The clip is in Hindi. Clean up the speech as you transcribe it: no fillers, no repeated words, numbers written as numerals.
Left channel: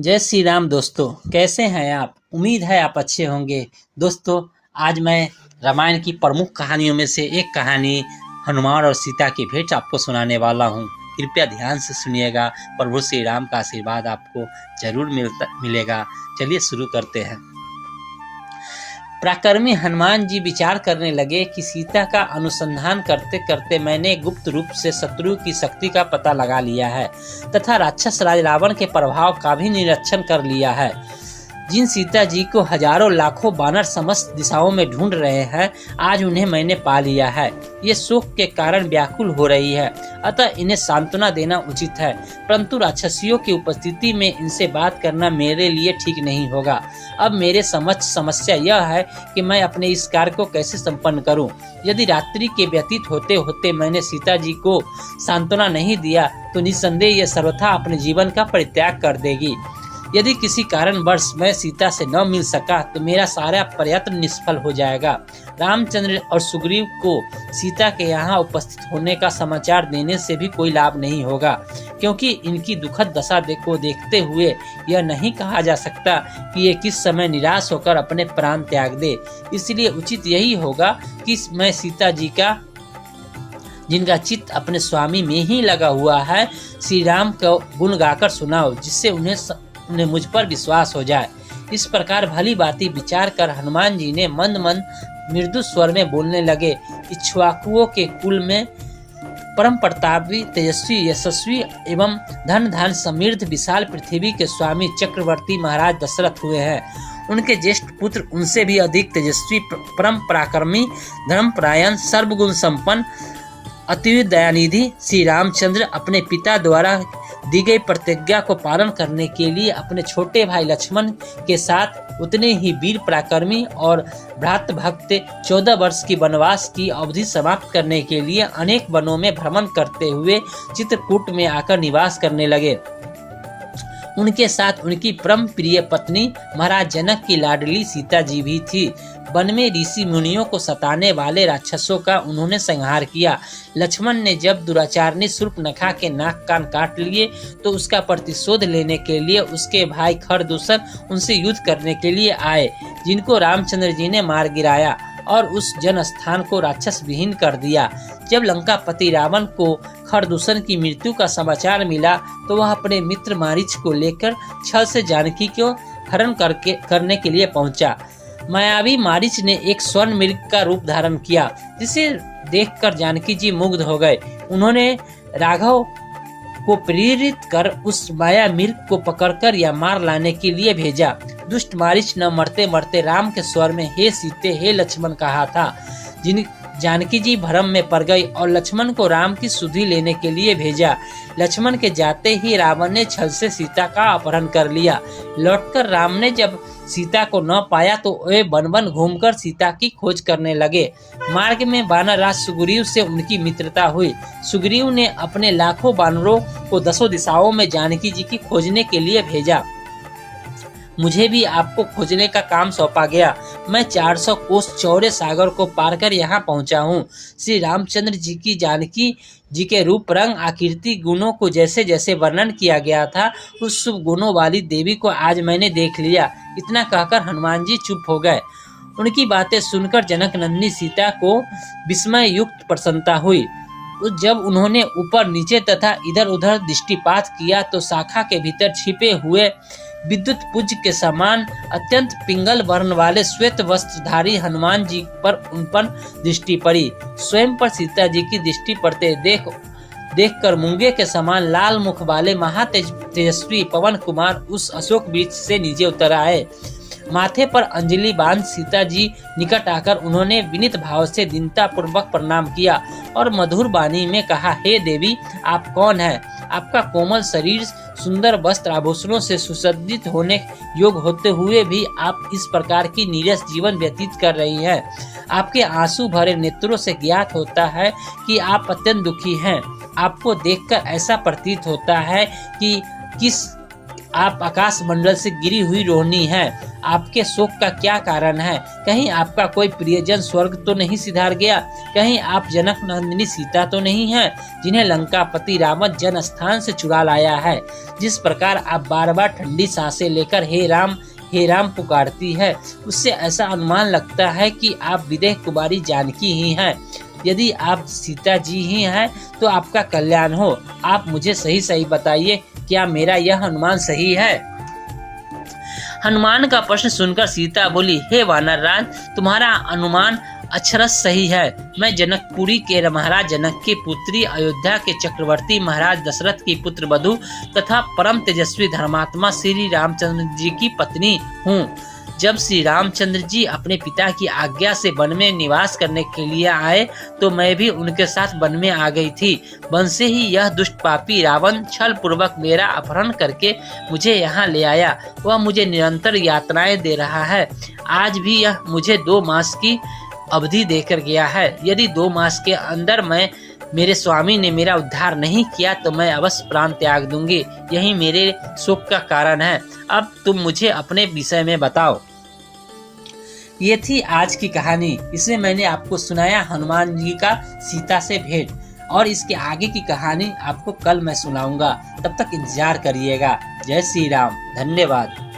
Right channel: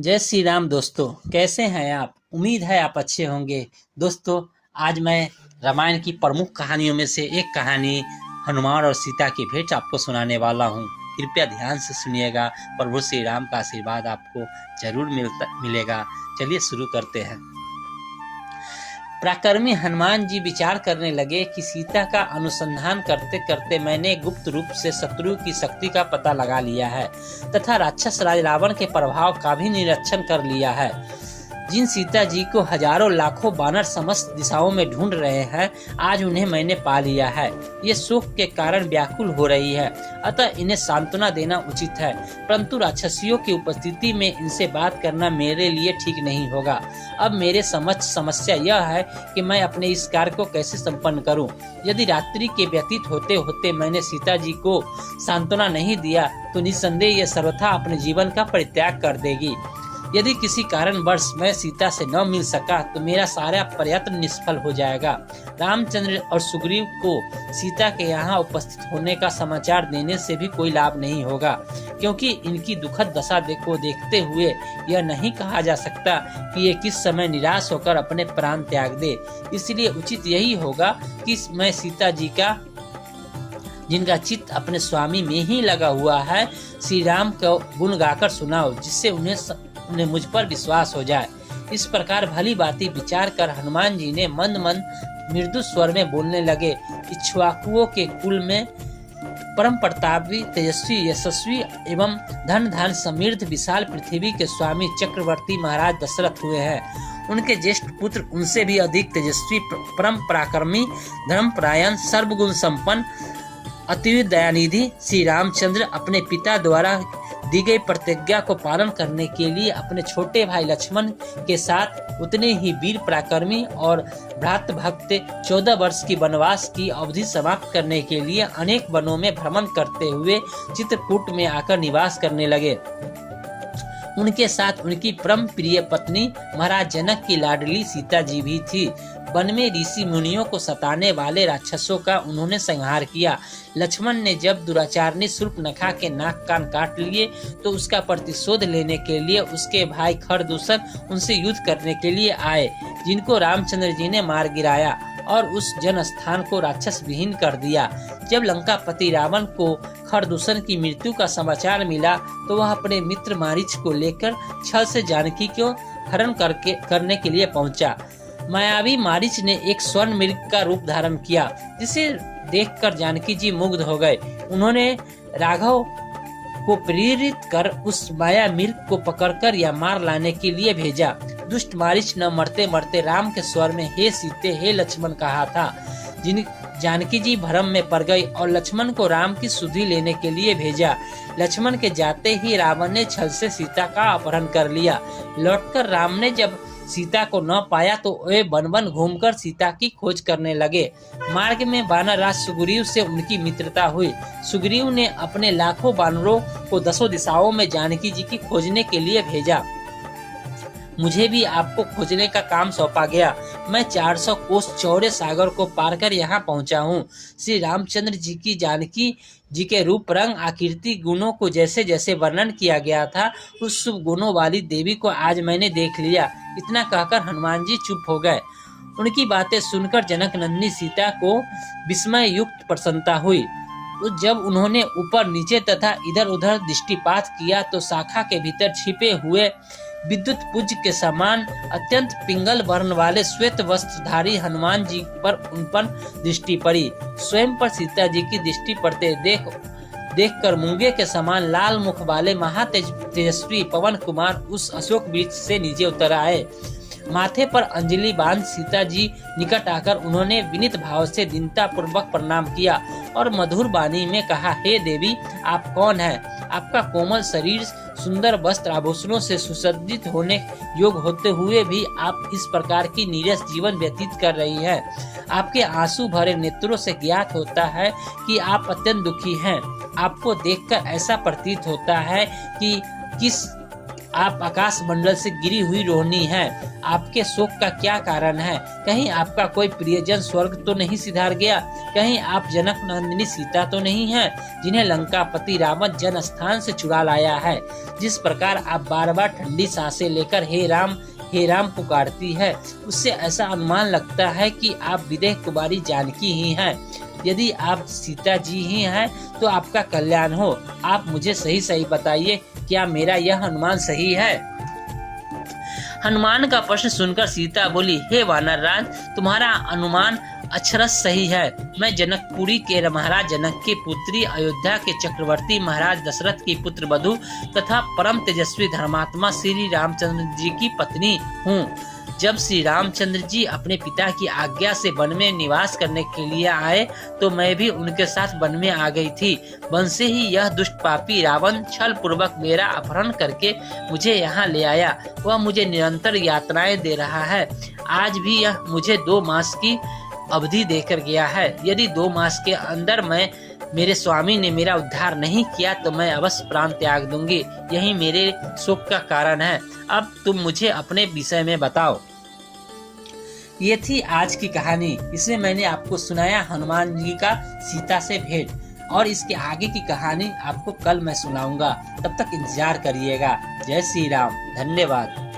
जय श्री राम दोस्तों, कैसे हैं आप। उम्मीद है आप अच्छे होंगे। दोस्तों, आज मैं रामायण की प्रमुख कहानियों में से एक कहानी हनुमान और सीता की भेंट आपको सुनाने वाला हूँ। कृपया ध्यान से सुनिएगा। प्रभु श्री राम का आशीर्वाद आपको जरूर मिलेगा। चलिए शुरू करते हैं। पराक्रमी हनुमान जी विचार करने लगे कि सीता का अनुसंधान करते करते मैंने गुप्त रूप से शत्रु की शक्ति का पता लगा लिया है तथा राक्षस राज रावण के प्रभाव का भी निरीक्षण कर लिया है। जिन सीता जी को हजारों लाखों बानर समस्त दिशाओं में ढूंढ रहे हैं, आज उन्हें मैंने पा लिया है। ये शोक के कारण व्याकुल हो रही है, अतः इन्हें सांत्वना देना उचित है। परंतु राक्षसियों की उपस्थिति में इनसे बात करना मेरे लिए ठीक नहीं होगा। अब मेरे समक्ष समस्या यह है कि मैं अपने इस कार्य को कैसे संपन्न करूं। यदि रात्रि के व्यतीत होते होते मैंने सीता जी को सांत्वना नहीं दिया तो निस्संदेह ये सर्वथा अपने जीवन का परित्याग कर देगी। यदि किसी कारणवश मैं सीता से न मिल सका तो मेरा सारा प्रयत्न निष्फल हो जाएगा। रामचंद्र और सुग्रीव को सीता के यहाँ उपस्थित होने का समाचार देने से भी कोई लाभ नहीं होगा, क्योंकि इनकी दुखद दशा को देखते हुए यह नहीं कहा जा सकता कि ये किस समय निराश होकर अपने प्राण त्याग दे। इसलिए उचित यही होगा कि मैं सीता जी का, जिनका चित्त अपने स्वामी में ही लगा हुआ है, श्री राम का गुण गाकर सुनाओ, जिससे उन्हें मुझ पर विश्वास हो जाए। इस प्रकार भली बाती विचार कर हनुमान जी ने मंद मंद मृदु स्वर में बोलने लगे। इक्ष्वाकुओं के कुल में परम प्रतापी, तेजस्वी, यशस्वी एवं धन धान समृद्ध विशाल पृथ्वी के स्वामी चक्रवर्ती महाराज दशरथ हुए हैं। उनके ज्येष्ठ पुत्र उनसे भी अधिक तेजस्वी, परम पराक्रमी, धर्मपरायण, सर्वगुण संपन्न, अति दयानिधि श्री रामचंद्र अपने पिता द्वारा दी गई प्रतिज्ञा को पालन करने के लिए अपने छोटे भाई लक्ष्मण के साथ उतने ही वीर पराक्रमी और भ्रात भक्त 14 वर्ष की वनवास की अवधि समाप्त करने के लिए अनेक वनों में भ्रमण करते हुए चित्रकूट में आकर निवास करने लगे। उनके साथ उनकी परम प्रिय पत्नी महाराज जनक की लाडली सीता जी भी थी। वन में ऋषि मुनियों को सताने वाले राक्षसों का उन्होंने संहार किया। लक्ष्मण ने जब दुराचारनी शूर्पणखा के नाक कान काट लिए तो उसका प्रतिशोध लेने के लिए उसके भाई खरदूषण उनसे युद्ध करने के लिए आए, जिनको रामचंद्र जी ने मार गिराया और उस जन स्थान को राक्षस विहीन कर दिया। जब लंकापति रावण को खरदूषण की मृत्यु का समाचार मिला तो वह अपने मित्र मारीच को लेकर छल से जानकी को हरण करने के लिए पहुंचा। मायावी मारीच ने एक स्वर्ण मृग का रूप धारण किया, जिसे देखकर जानकी जी मुग्ध हो गए। उन्होंने राघव को प्रेरित कर उस माया मृग को पकड़कर या मार लाने के लिए भेजा। दुष्ट मारीच न मरते मरते राम के स्वर में हे सीते, हे लक्ष्मण कहा था। जानकी जी भ्रम में पड़ गई और लक्ष्मण को राम की सुधि लेने के लिए भेजा। लक्ष्मण के जाते ही रावण ने छल से सीता का अपहरण कर लिया। लौटकर राम ने जब सीता को न पाया तो वे वन वन घूमकर सीता की खोज करने लगे। मार्ग में वानर राज सुग्रीव से उनकी मित्रता हुई। सुग्रीव ने अपने लाखों वानरों को दसों दिशाओं में जानकी जी की खोजने के लिए भेजा। मुझे भी आपको खोजने का काम सौंपा गया। मैं 400 कोस चौड़े सागर को पार कर यहाँ पहुँचा हूँ। श्री रामचंद्र जी की जानकी जी के रूप, रंग, आकृति, गुणों को जैसे जैसे वर्णन किया गया था, उस शुभ गुणों वाली देवी को आज मैंने देख लिया। इतना कहकर हनुमान जी चुप हो गए। उनकी बातें सुनकर जनक नंदिनी सीता को विस्मय युक्त प्रसन्नता हुई। जब उन्होंने ऊपर नीचे तथा इधर उधर दृष्टिपात किया तो शाखा के भीतर छिपे हुए विद्युत पुंज के समान अत्यंत पिंगल वर्ण वाले श्वेत वस्त्रधारी हनुमान जी पर उन पर दृष्टि पड़ी। स्वयं पर सीता जी की दृष्टि पड़ते देखकर मूंगे के समान लाल मुख वाले महातेजस्वी पवन कुमार उस अशोक वृक्ष से नीचे उतर आए। माथे पर अंजलि बांध सीता जी निकट आकर उन्होंने विनीत भाव से दीनता पूर्वक प्रणाम किया और मधुर वाणी में कहा, हे देवी, आप कौन हैं? आपका कोमल शरीर सुंदर वस्त्र आभूषणों से सुसज्जित होने योग होते हुए भी आप इस प्रकार की नीरस जीवन व्यतीत कर रही हैं। आपके आंसू भरे नेत्रों से ज्ञात होता है कि आप अत्यंत दुखी हैं। आपको देखकर ऐसा प्रतीत होता है कि आप आकाश मंडल से गिरी हुई रोहिणी हैं। आपके शोक का क्या कारण है? कहीं आपका कोई प्रियजन स्वर्ग तो नहीं सिधार गया? कहीं आप जनक नंदिनी सीता तो नहीं हैं, जिन्हें लंकापति रावण जन स्थान से चुरा लाया है? जिस प्रकार आप बार बार ठंडी सांसें लेकर हे राम पुकारती है, उससे ऐसा अनुमान लगता है कि आप विदेह कुमारी जानकी ही हैं। यदि आप सीता जी ही हैं तो आपका कल्याण हो। आप मुझे सही सही बताइए, क्या मेरा यह अनुमान सही है? हनुमान का प्रश्न सुनकर सीता बोली, हे वानर राज, तुम्हारा अनुमान अक्षरश सही है। मैं जनकपुरी के महाराज जनक की पुत्री, अयोध्या के चक्रवर्ती महाराज दशरथ की पुत्र वधु तथा परम तेजस्वी धर्मात्मा श्री रामचंद्र जी की पत्नी हूँ। जब श्री रामचंद्र जी अपने पिता की आज्ञा से वन में निवास करने के लिए आए तो मैं भी उनके साथ वन में आ गई थी। वन से ही यह दुष्ट पापी रावण छल पूर्वक मेरा अपहरण करके मुझे यहाँ ले आया। वह मुझे निरंतर यातनाएं दे रहा है। आज भी यह मुझे 2 मास की अवधि देकर गया है। यदि 2 मास के अंदर मेरे स्वामी ने मेरा उद्धार नहीं किया तो मैं अवश्य प्राण त्याग दूंगी। यही मेरे शोक का कारण है। अब तुम मुझे अपने विषय में बताओ। ये थी आज की कहानी। इसमें मैंने आपको सुनाया हनुमान जी का सीता से भेंट, और इसके आगे की कहानी आपको कल मैं सुनाऊंगा। तब तक इंतजार करिएगा। जय श्री राम। धन्यवाद।